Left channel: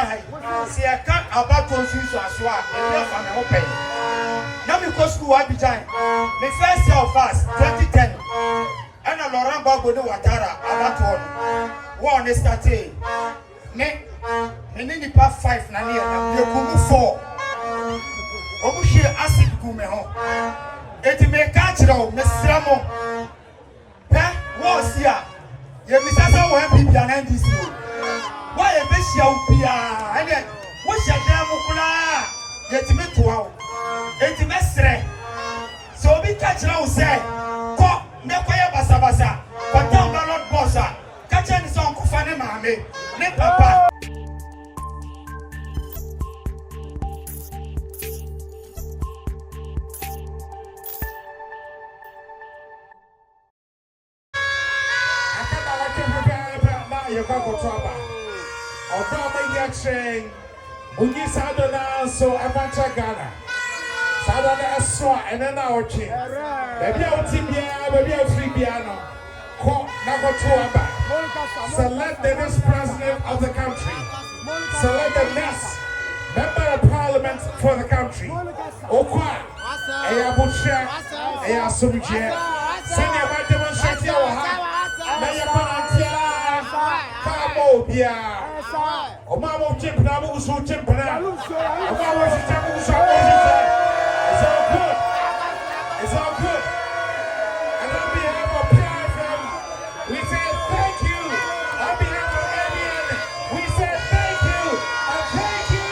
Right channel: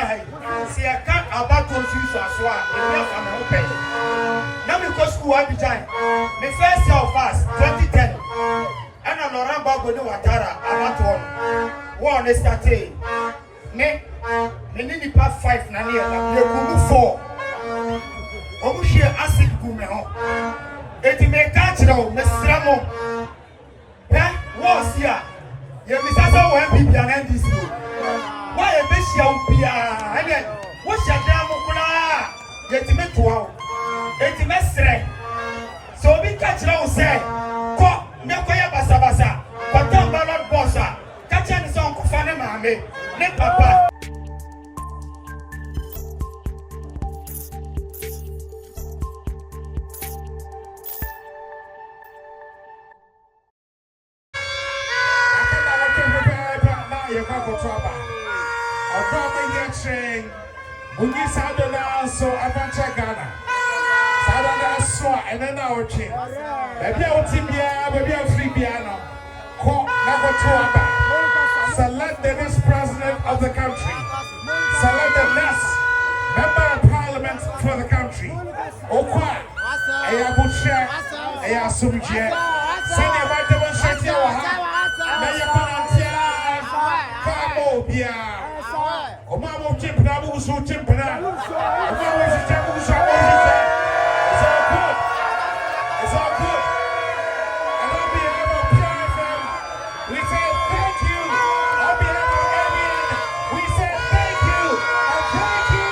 hai. Se I can't about to shoot as well. If I'm open. Now we go school Abidjan. The first year of us, 2010. And I'm around Bobo Watara about one is starting. Ne need the part 5 na here. You go 4. Omushie acid gume ho. Eti me catch them, Mr. Mo. What's here? You miss us all when people are in this room. Why a best you are? What's your damn mukula? Get me to out. Get me straight. So we catch them, say, Go, Nekoya Basabasa, but don't ballot bossa. Catch any song of Fanema, ne papa. Bungi Sadona so Avancha Ghana. Sadona so and then our king. Baby Otibia, baby free piano. Ko Nagotuaba. Select the next president of the country. Select the next member of parliament for the country. Okwa. Eya Busha. Eya Sumje. Senior White Demonstration. Maya Panantia. Kamo Bia. Omamo chip na muso chip na. Omamo chip muso. It's all good. It's all good. And on behalf of PFM, we say thank you. On behalf of everyone, we say thank you and thank you.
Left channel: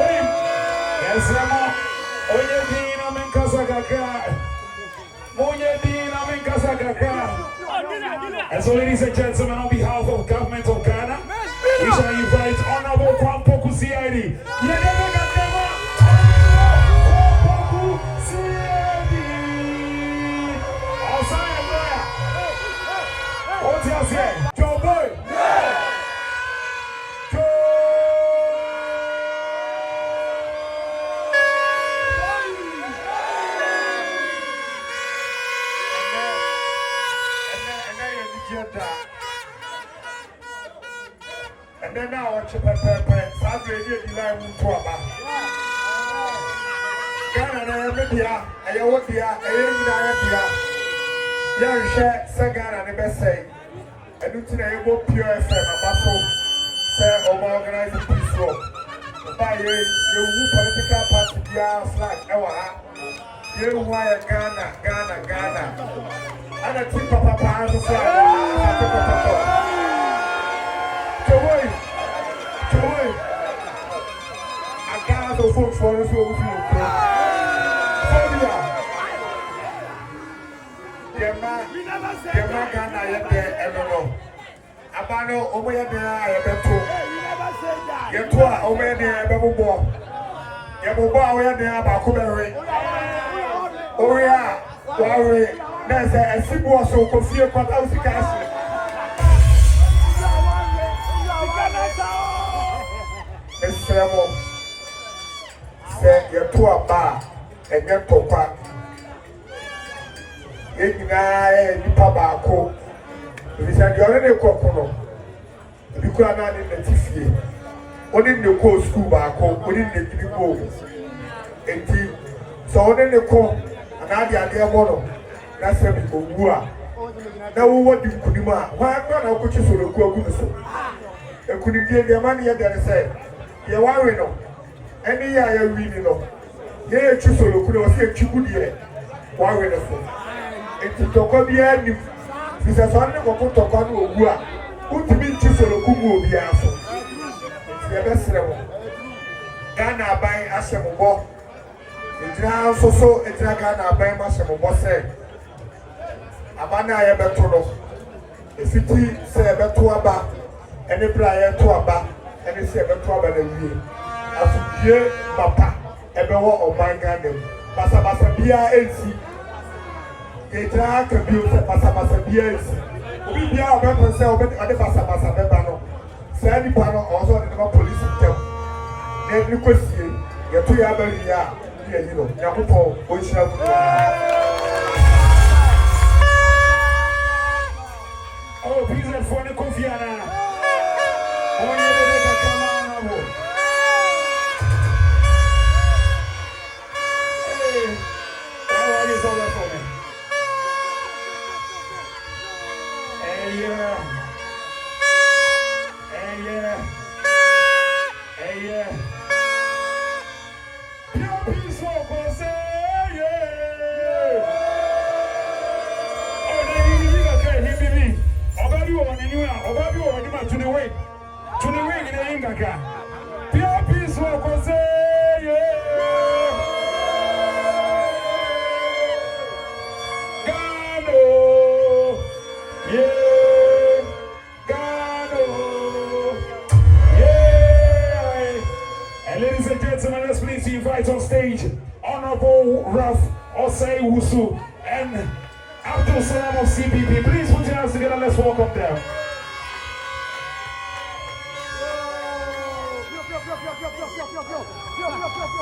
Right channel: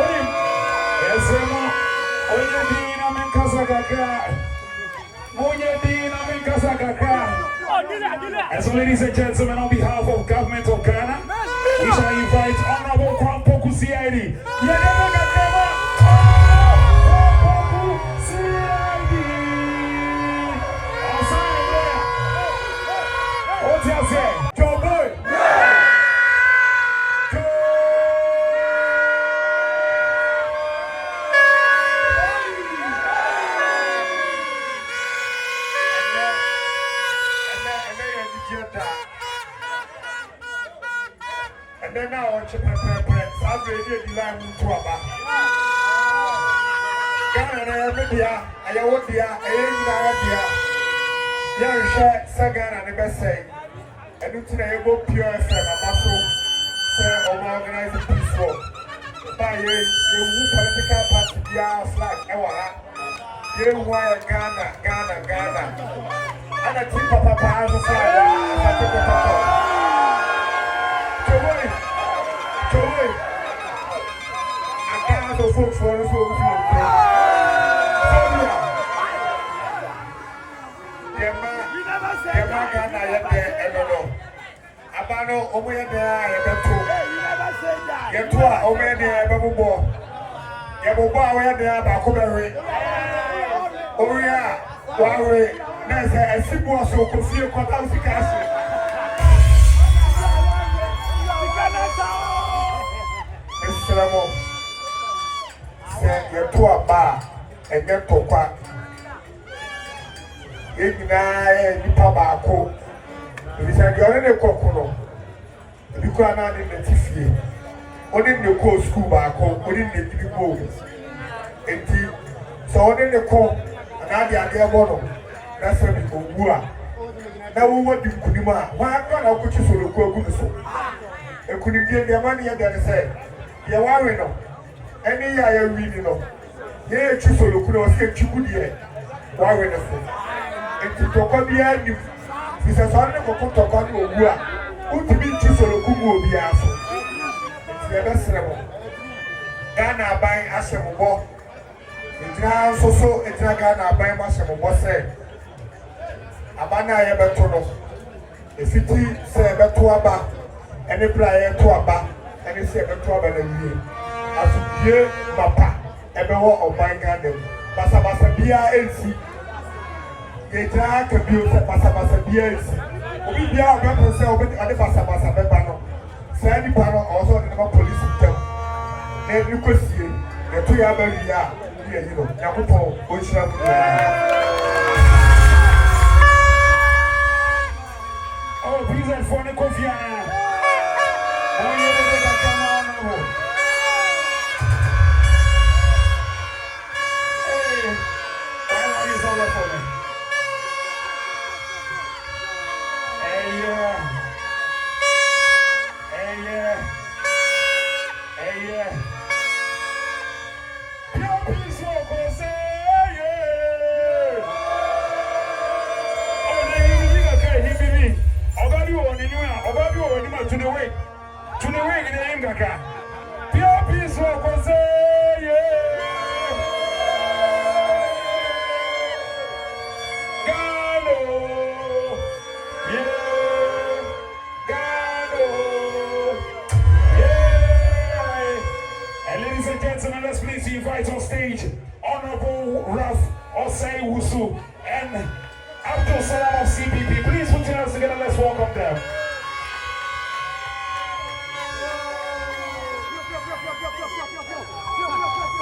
Oi, yes, Ramo. Oye, Dina, Menkasagaka. And so, ladies and gentlemen, on behalf of government of Ghana, we shall invite Honorable Poku CID. Poku CID. What's your say? Joe Boy. And then now I chip and pepper, Saturday, the line to about Ghana, Media, I want the India, Yarisha, Sagan, and the best say. And it's an able pure FM, a muscle, say, or organizing peace road. By you, political party, flag, Ewa, you wire Ghana. And a tip of a pound of flag. I can't afford for us to Abano, Omea, I have two. Get to Omea, Babu, Yabuba, where they are Bakubari. Oria, Wari, there's a simple so confused what else you can say. Say you're to a bar and get to pack. You guy, you tobacco. If you said you're in a cocono, you can't in the TV. Only the co school back home, only the go. And so only the co, and now the idea model. That's where we go. Now, what do you Kunima? Why not? I'll put you so good. And couldn't get the money that I said. You are no. Any year reading no. Here, choose a look at you good year. Why we not? And to talk on the end, this is one of the talk on you. Who to be choose a look will be answered. It's the best level. Ghana buying Ashamo. It's now so it's not Ghana buying Ashamo. Said Abana Yabatono. If it is say Batuaba, any player to a bar. And it's a trouble in you. As you, Papa, everyone of my garden. Pasabasa Bia AC. They try to build a Pasabasa Bia AC. We be our weapons, so with other Pasabasa Bebano. Sandy Pano also in the police system. Then you could see the 2 years, you know, Yakupo, which Invite on stage Honorable Ralph Osei Wusu and Abdul Salam of CPP. Please put your hands together. Let's welcome them.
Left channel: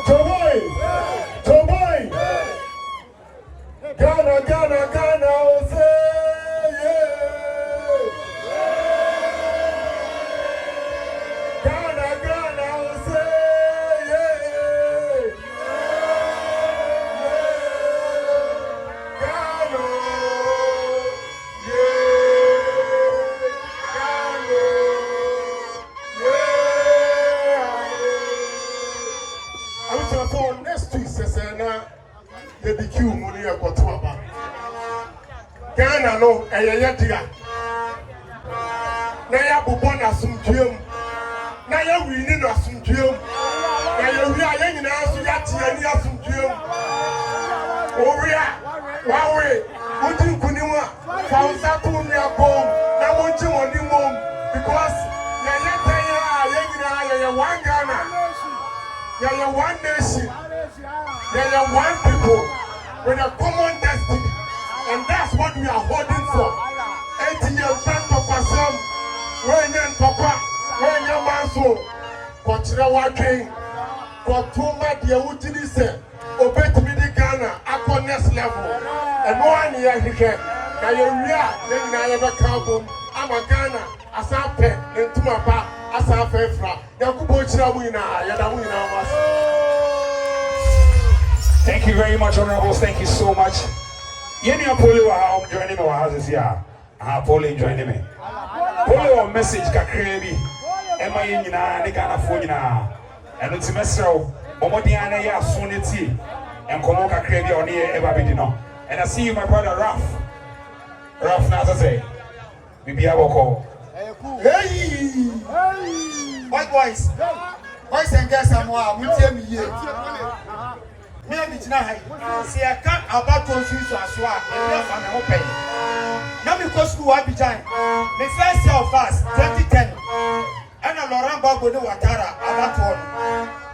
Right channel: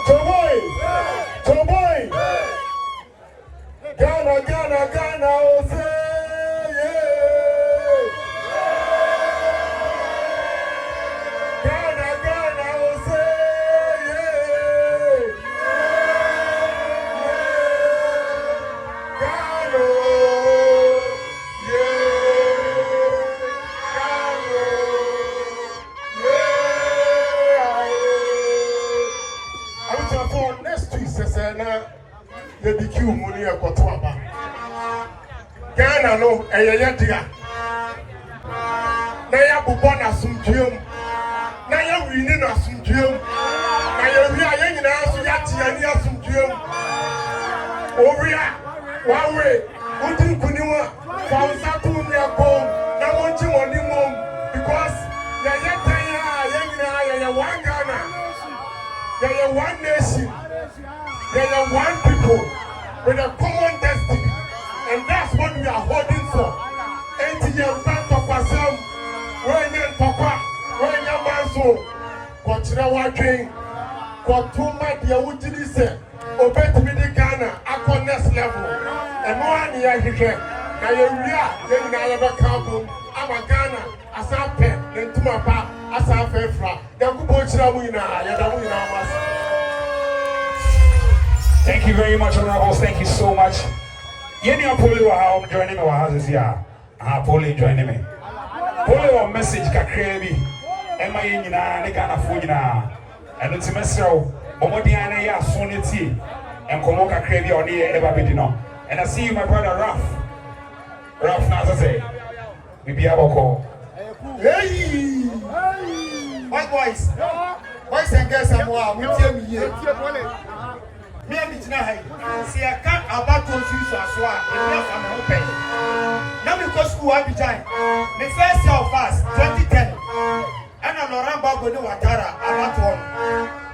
Tomboy, Ghana, Ose, Ghana, Ose, you be cute, money a Kotoko. Ghana no, K1lled. Naya Bubana Suntium. Naya winning a Suntium. Naya Rian in Yati and Yasuntium. Oria, Wawe, Utin Kunua, from Saturnia Bomb. I want you on your mom because Yaya one Ghana. Yaya one nation. They are one people with a common destiny, and that's what we are holding for. 80 years of ourselves, when you're Papa, when you're Manso, what you are working for 2 months, you would say, obey to me the Ghana, up on next level. And one year he can. Now you're real, then I have a carbon. I'm a Ghana, as I pay, then to my back, as I pay for. They're going to win. Thank you very much, Honorables. Thank you so much. Yeni Pooley wa how joining me wa this year. Pooley joining me. Pooley wa message kakrebi. Emma yina ne kana phone yina. Eno ti mesrew. Momodi ana ya phone ti. Enkomo kakrebi oni e eba bedi no. And I see you, my brother Ralph. Ralph Nazase. Bibi aboko. Hey! What boys? Boys and girls are more. We tell me here. Me and it's not high. See, I can't about to shoes or swag. It's not an open. Now because school I began. The first year of us, 2010. And I'm around Bogo Watara about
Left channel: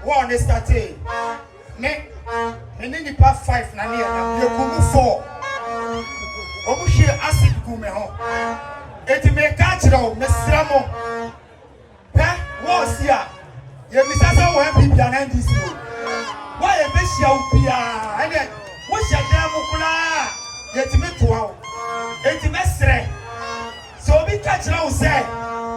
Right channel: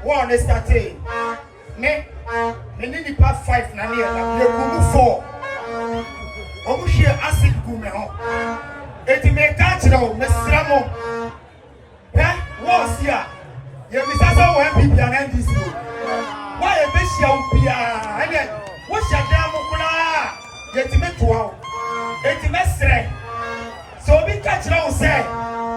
one is starting. Me need the past 5 na near. You go 4. Omushi acid gumeho. It may catch now, Miss Ramo. Eh? What's here? You miss us all when people are in this room. Why a bishop be a what's your damn mukula? Yet me to wow. Yet me strength. So we catch now say,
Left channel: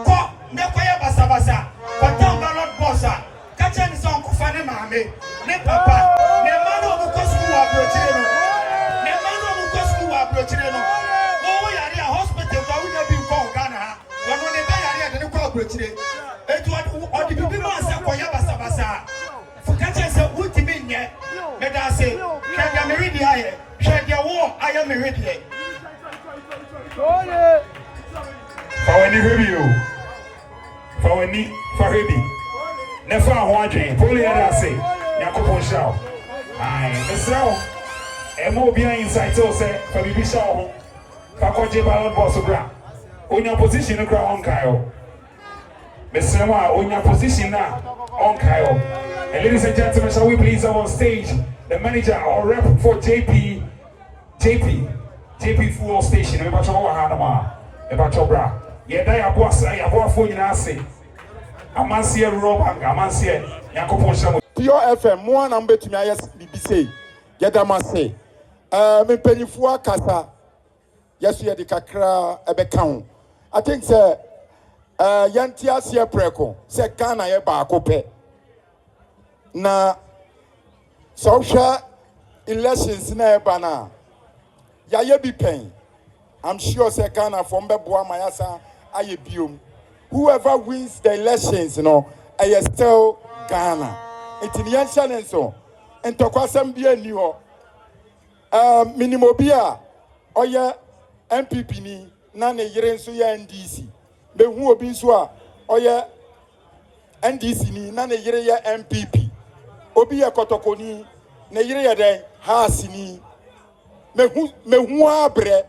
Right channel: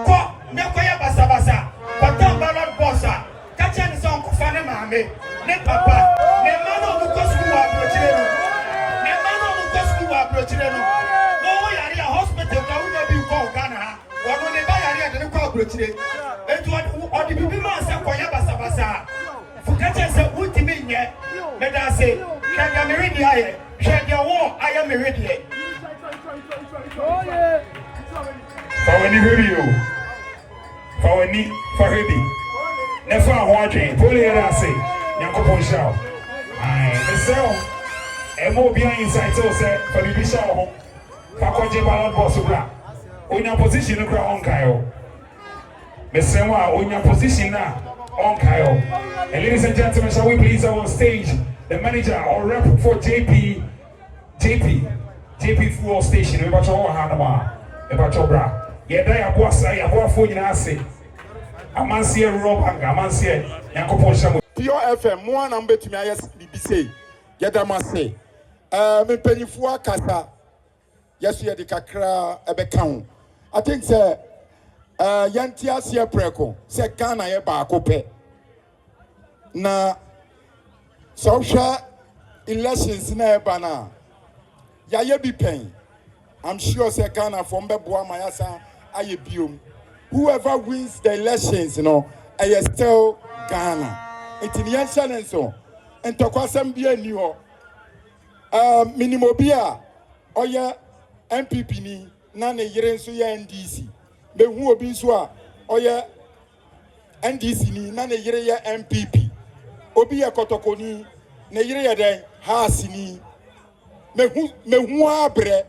Ko, Nekoya Basabasa, but don't ballot bossa. Catching some Kufane Mahame, ne papa, ne man of the Cosco Abrotino, ne man of the Cosco Abrotino. Oh, yeah, hospital, but we never be called Ghana. Or when they buy a new corporate. It what the people say, Koya Basabasa. For catching some wood to me, let us say, can you read the eye? Share your war, I am ready. For any review, for any for heavy. Never watching, Pooley and I say, Yakopo show. I so, a more behind inside, so say, for the show, Fakoji Ballon Bossubra. On your position, the ground, Kyle. Miss Sama, on your position now, on Kyle. And ladies and gentlemen, shall we please have on stage the manager or rep for JP Fuel Station. We got your Hanama, we got your bra. Yeah, they are boss, I have phone in Ase. A man see a rope, a man see a Yakopo. Pure FM, more number to me, yes, BBC. Get a must say. Me penny for Kasa. Yes, we had the Kakra Ebekau. I think, sir, Yantia Sia Preco, say Ghana Eba Cope. Na social elections na eba na ya ye bi pen I'm sure Sekana from Beboa Mayasa Ayebium. Whoever wins the elections, I still Ghana. It's in Yanshan and so. And Tokwasam Bia New Minimobia or MPP ni Nane Yerensuya NDC. Be who will be so or NDC ni Nane Yereya MPP. Obia Kotoko ni Neyereya de Hasini. Me who abre.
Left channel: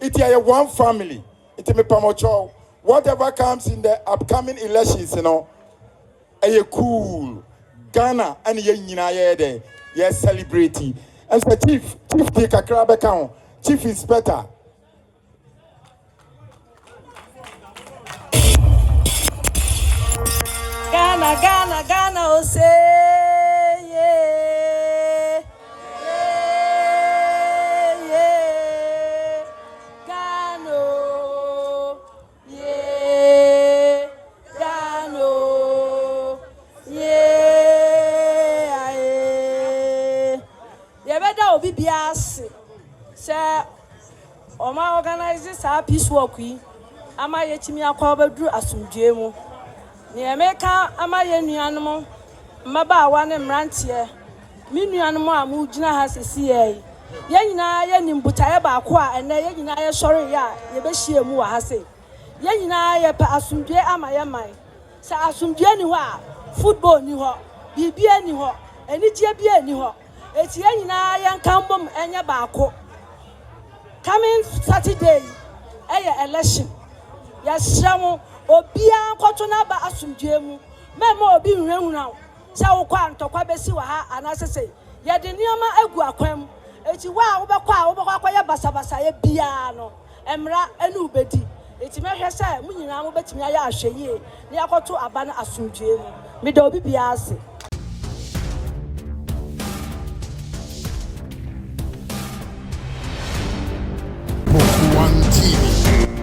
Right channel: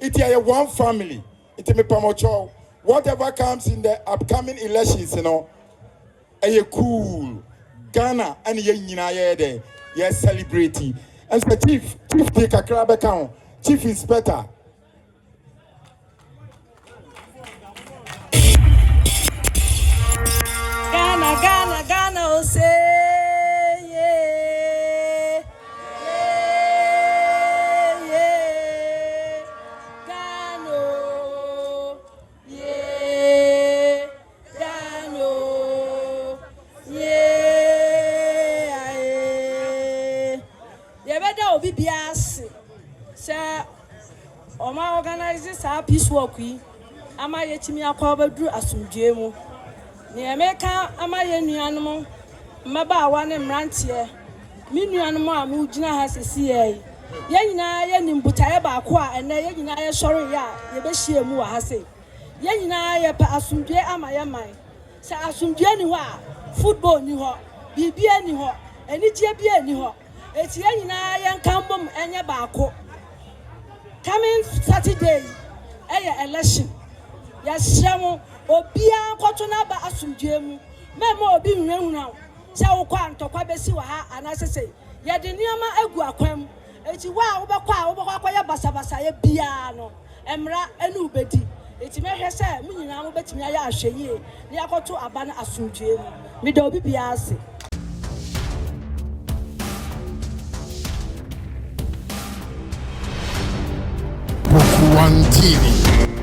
It is one family. It is me pamocho. Whatever comes in the upcoming elections, a cool Ghana and ye yes celebrity. And the chief take a crab account, chief inspector. Ghana, oh say yeah. Bibias say Oma organizes our peace walk. Ama yetimi akwa bedru asumdue mu. Ne emeka ama ye nuanom mmabaawa ne mrantie. Me nuanom a mu gina ha sesi ye. Ye nyina ye nimbutaye baako a ene ye nyina ye sori ya ye behie mu wa ha se. Ye nyina ye pa asumdue ama ye man. Sa asumdue ni ho a football ni ho, bibia ni ho, enije bia ni ho. Eti ye nyina ye nkambom enye baako. Coming Saturday, election. Yashamu obia nkoto na ba asumdue mu. Memo obi nhwehu na. Sha wo kwa ntokwa besi wa ha anasese. Ye de niama egu akwam. Eti wa wo bekwa ye basabasa ye bia no. Emra enu bedi. Eti mehwe se munyina mo betimi aye ahweye. Ne yakoto aba na asumdue mu. Me da obi bia ase. Poku TV.